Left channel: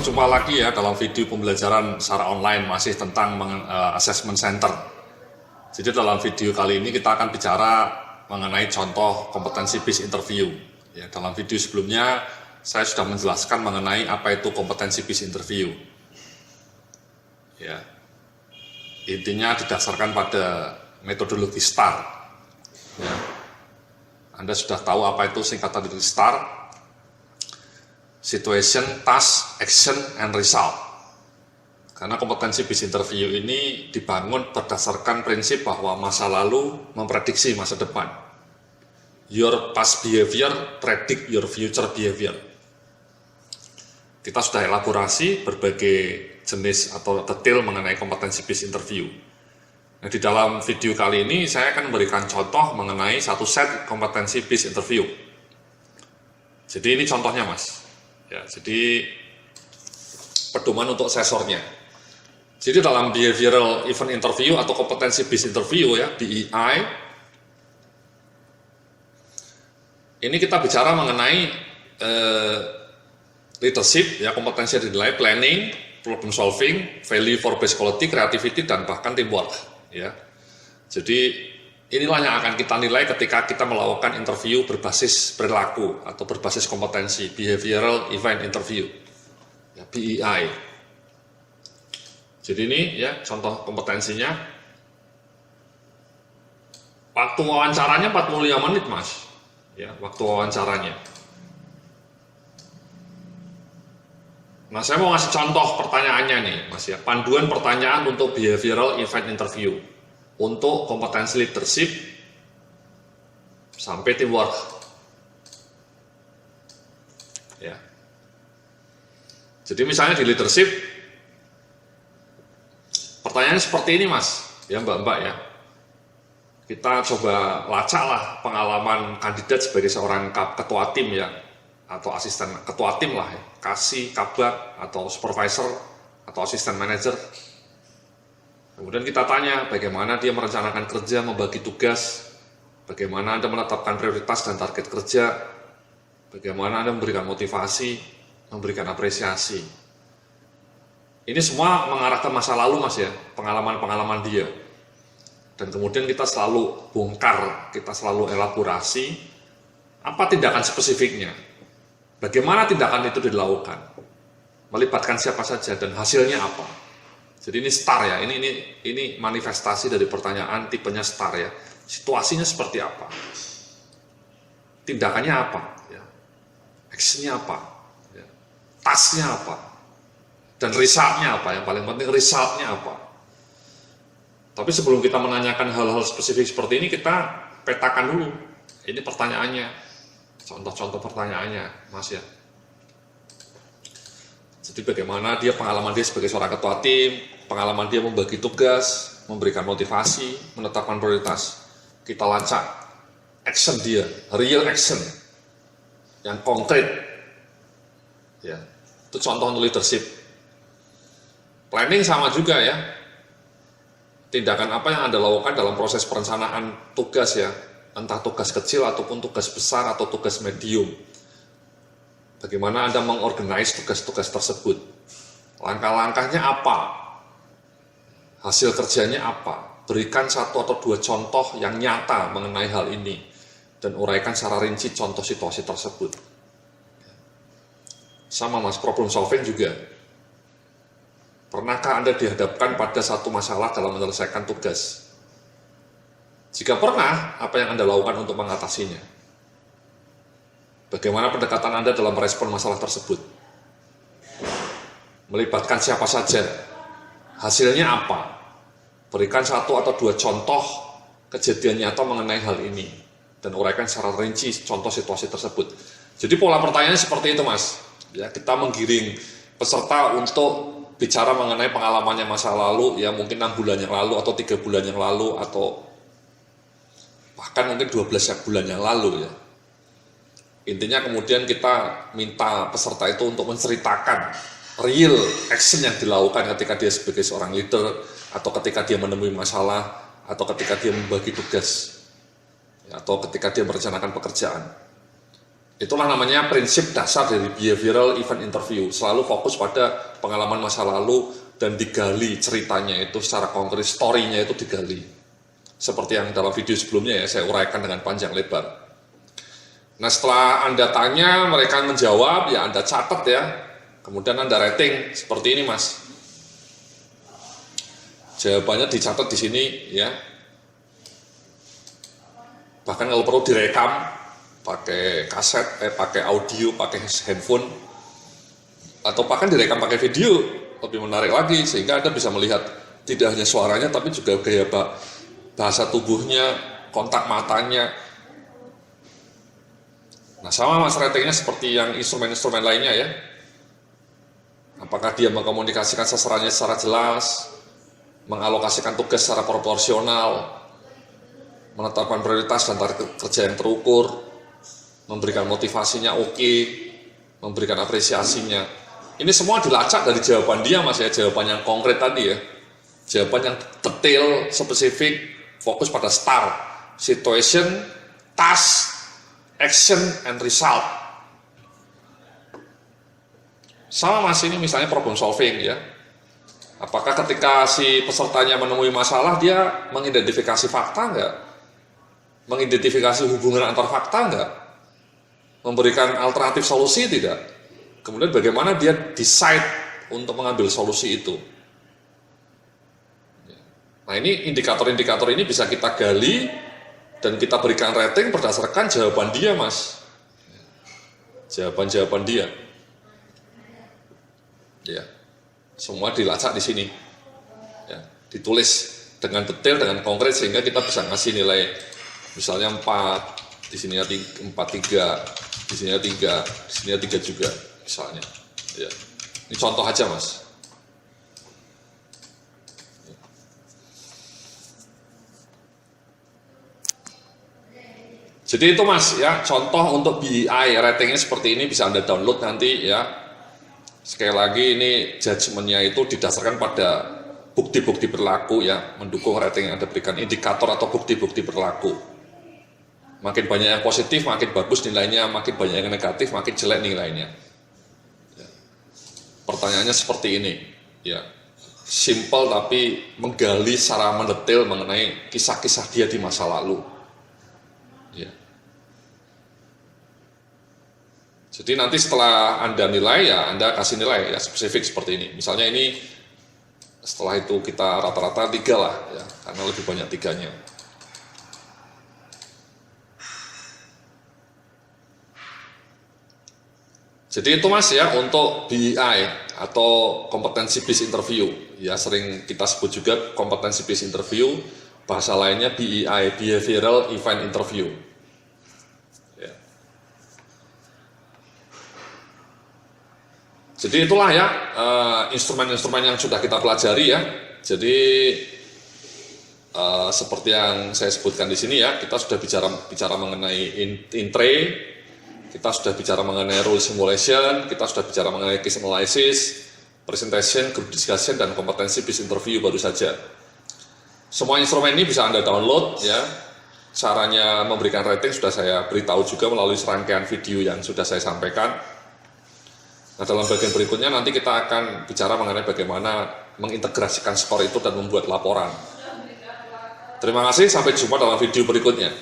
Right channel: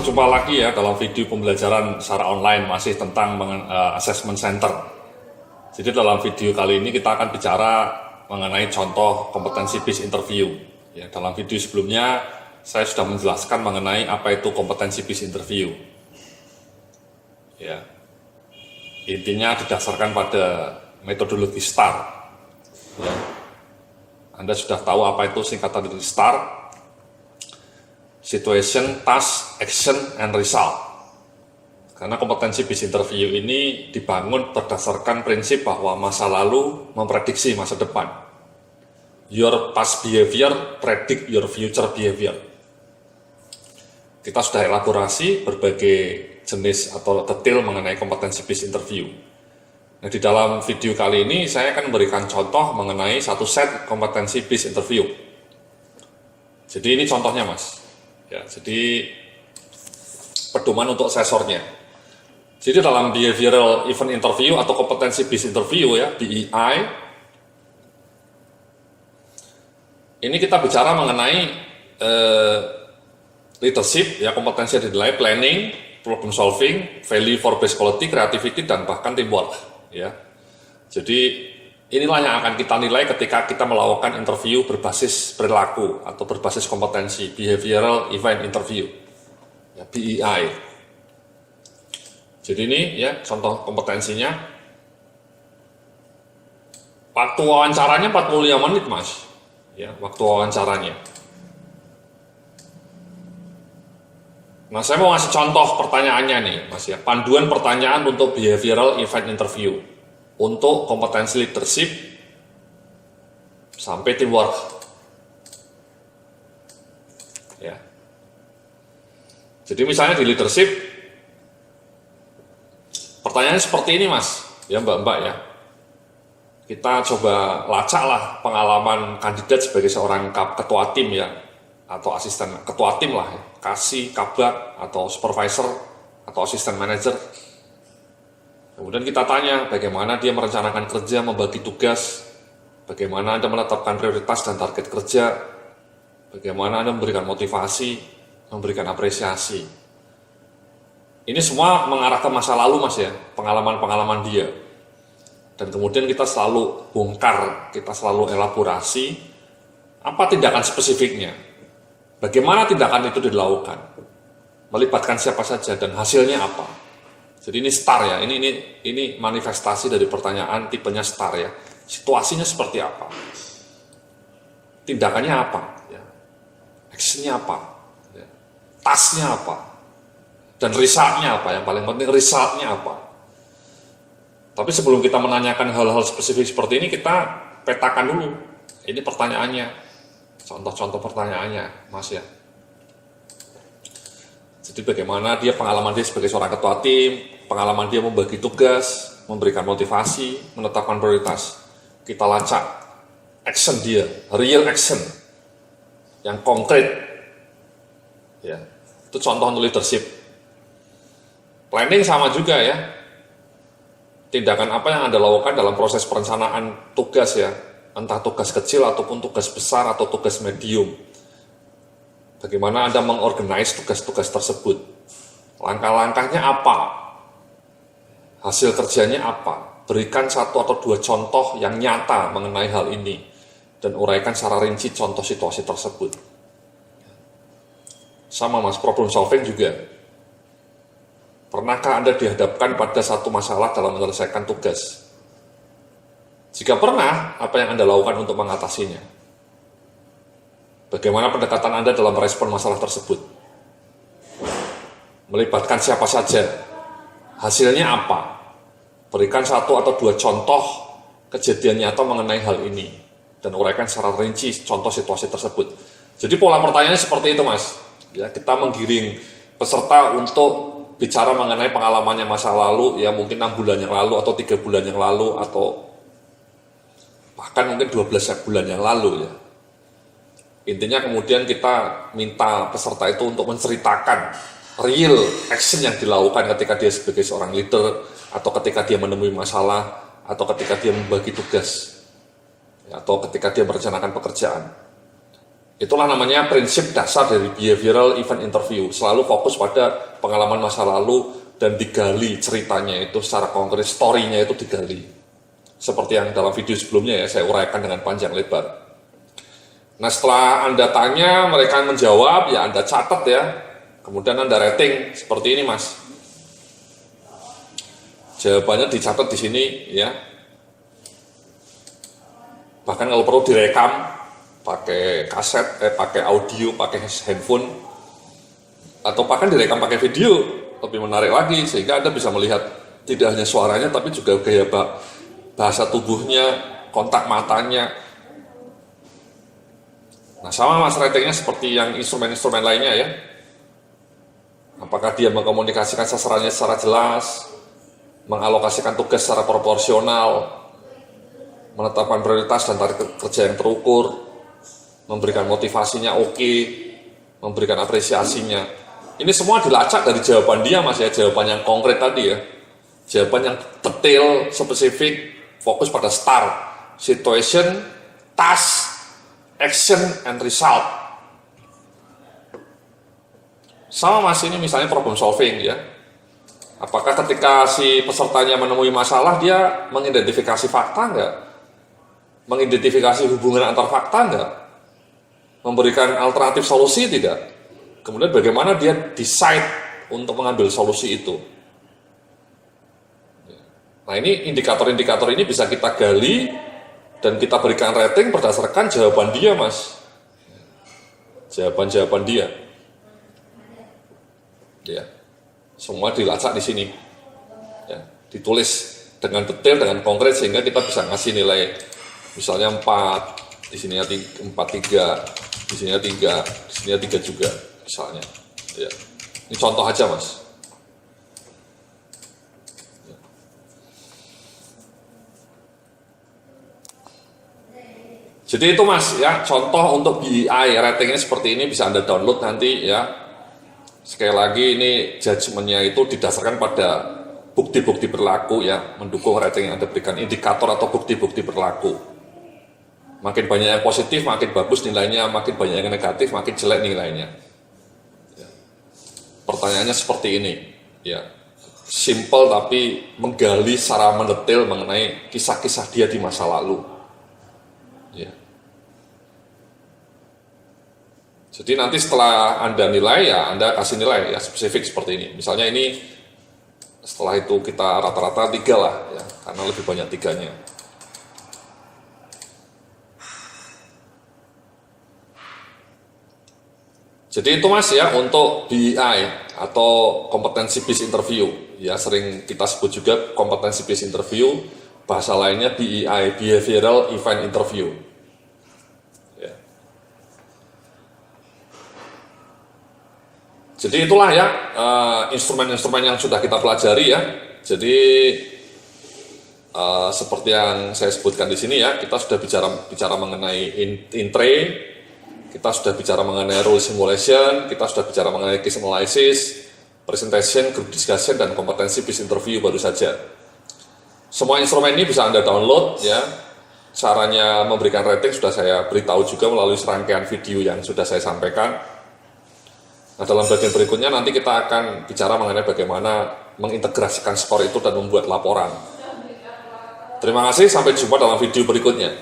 Berjumpa lagi ya dalam video pembelajaran secara online masih tentang assessment center. Jadi dalam video kali ini kita akan bicara mengenai contoh kompetensi based interview. Ya, dalam video sebelumnya saya sudah menjelaskan mengenai apa itu kompetensi based interview. Ya, intinya didasarkan pada metodologi STAR. Ya. Anda sudah tahu apa itu singkatan dari STAR. Situation, Task, Action, and Result. Karena kompetensi based interview ini dibangun berdasarkan prinsip bahwa masa lalu memprediksi masa depan. Your past behavior predict your future behavior. Kita sudah elaborasi berbagai jenis atau detail mengenai kompetensi based interview. Nah, di dalam video kali ini saya akan memberikan contoh mengenai satu set kompetensi based interview. Jadi ini contohnya, Mas. Ya, jadi pedoman untuk asesornya. Jadi dalam behavioral event interview atau kompetensi based interview ya, BEI, ini kita bicara mengenai leadership ya, kompetensi yang dinilai planning, problem solving, value for base quality, creativity, dan bahkan teamwork ya. Jadi inilah yang akan kita nilai ketika kita melakukan interview berbasis perilaku atau berbasis kompetensi, behavioral event interview, ya, BEI. Jadi ini ya contoh kompetensinya. Waktu wawancaranya 45 menit, Mas. Ya, waktu wawancaranya. Nah, saya mau ngasih contoh pertanyaannya nih, Mas ya. Panduan pertanyaan untuk behavioral event interview. Untuk kompetensi leadership sampai teamwork. Ya. Jadi misalnya di leadership, pertanyaannya seperti ini, Mas. Ya, Mbak-mbak ya. Kita coba lacaklah pengalaman kandidat sebagai seorang ketua tim ya, atau asisten ketua tim lah ya, kasih, kabak, atau supervisor, atau asisten manajer. Kemudian kita tanya bagaimana dia merencanakan kerja, membagi tugas, bagaimana Anda menetapkan prioritas dan target kerja, bagaimana Anda memberikan motivasi, memberikan apresiasi. Ini semua mengarah ke masa lalu, Mas ya, pengalaman-pengalaman dia. Dan kemudian kita selalu bongkar, kita selalu elaborasi apa tindakan spesifiknya, bagaimana tindakan itu dilakukan, melibatkan siapa saja dan hasilnya apa. Jadi ini STAR ya, ini manifestasi dari pertanyaan tipenya STAR ya. Situasinya seperti apa? Tindakannya apa? Ya. Actionnya apa? Ya. Tasknya apa? Dan resultnya apa? Yang paling penting resultnya apa? Tapi sebelum kita menanyakan hal-hal spesifik seperti ini, kita petakan dulu. Ini pertanyaannya, contoh-contoh pertanyaannya, Mas ya. Jadi bagaimana dia pengalaman dia sebagai seorang ketua tim, pengalaman dia membagi tugas, memberikan motivasi, menetapkan prioritas. Kita lacak action dia, real action yang konkret. Ya, itu contoh untuk leadership. Planning sama juga ya. Tindakan apa yang Anda lakukan dalam proses perencanaan tugas ya, entah tugas kecil ataupun tugas besar atau tugas medium. Bagaimana Anda mengorganize tugas-tugas tersebut? Langkah-langkahnya apa? Hasil kerjanya apa? Berikan satu atau dua contoh yang nyata mengenai hal ini dan uraikan secara rinci contoh situasi tersebut. Sama, Mas, problem solving juga. Pernahkah Anda dihadapkan pada satu masalah dalam menyelesaikan tugas? Jika pernah, apa yang Anda lakukan untuk mengatasinya? Bagaimana pendekatan Anda dalam merespon masalah tersebut? Melibatkan siapa saja? Hasilnya apa? Berikan satu atau dua contoh kejadian nyata mengenai hal ini dan uraikan secara rinci contoh situasi tersebut. Jadi pola pertanyaannya seperti itu, Mas. Ya, kita menggiring peserta untuk bicara mengenai pengalamannya masa lalu, ya mungkin 6 bulan yang lalu atau 3 bulan yang lalu atau bahkan mungkin 12 bulan yang lalu ya. Intinya kemudian kita minta peserta itu untuk menceritakan real action yang dilakukan ketika dia sebagai seorang leader, atau ketika dia menemui masalah, atau ketika dia membagi tugas, atau ketika dia merencanakan pekerjaan. Itulah namanya prinsip dasar dari behavioral event interview. Selalu fokus pada pengalaman masa lalu dan digali ceritanya itu secara konkret, story-nya itu digali. Seperti yang dalam video sebelumnya ya, saya uraikan dengan panjang lebar. Nah setelah Anda tanya, mereka menjawab, ya Anda catat ya. Kemudian Anda rating seperti ini mas. Jawabannya dicatat di sini ya. Bahkan kalau perlu direkam pakai kaset, pakai audio, pakai handphone, atau bahkan direkam pakai video, lebih menarik lagi sehingga Anda bisa melihat tidak hanya suaranya tapi juga gaya bahasa tubuhnya, kontak matanya. Nah sama mas, ratingnya seperti yang instrumen-instrumen lainnya ya. Apakah dia mengkomunikasikan sasarannya secara jelas, mengalokasikan tugas secara proporsional, menetapkan prioritas dan target kerja yang terukur, memberikan motivasinya oke, memberikan apresiasinya. Ini semua dilacak dari jawaban dia mas ya, jawaban yang konkret tadi ya. Jawaban yang detail, spesifik, fokus pada start, situation, task, action, and result. Sama mas, ini misalnya problem solving ya. Apakah ketika si pesertanya menemui masalah, dia mengidentifikasi fakta enggak? Mengidentifikasi hubungan antar fakta enggak? Memberikan alternatif solusi tidak? Kemudian bagaimana dia decide untuk mengambil solusi itu? Nah ini indikator-indikator ini bisa kita gali dan kita berikan rating berdasarkan jawaban dia mas. Jawaban-jawaban dia. Ya, semua dilacak di sini, ya, ditulis dengan detail, dengan konkret sehingga kita bisa ngasih nilai, misalnya 4, di sini 4, 3, di sini 3, di sini 3 juga, misalnya. Ya, ini contoh aja mas. Jadi itu mas ya, contoh untuk BEI ratingnya seperti ini bisa Anda download nanti ya. Sekali lagi ini judgementnya itu didasarkan pada bukti-bukti berlaku ya, mendukung rating yang Anda berikan, indikator atau bukti-bukti berlaku. Makin banyak yang positif, makin bagus nilainya, makin banyak yang negatif, makin jelek nilainya. Ya. Pertanyaannya seperti ini, ya, simple tapi menggali secara mendetail mengenai kisah-kisah dia di masa lalu. Ya. Jadi nanti setelah Anda nilai ya Anda kasih nilai ya spesifik seperti ini. Misalnya ini setelah itu kita rata-rata 3 lah ya, karena lebih banyak 3-nya. Jadi itu mas ya untuk BEI atau kompetensi based interview ya, sering kita sebut juga kompetensi based interview, bahasa lainnya BEI, behavioral event interview. Jadi itulah ya instrumen-instrumen yang sudah kita pelajari ya. Jadi seperti yang saya sebutkan di sini ya, kita sudah bicara mengenai intre, kita sudah bicara mengenai rule simulation, kita sudah bicara mengenai case analysis, presentation, group discussion, dan kompetensi based interview baru saja. Semua instrumen ini bisa Anda download ya. Caranya memberikan rating sudah saya beritahu juga melalui serangkaian video yang sudah saya sampaikan. Nah, dalam bagian berikutnya nanti kita akan bicara mengenai bagaimana mengintegrasikan skor itu dan membuat laporan. Terima kasih, sampai jumpa dalam video berikutnya.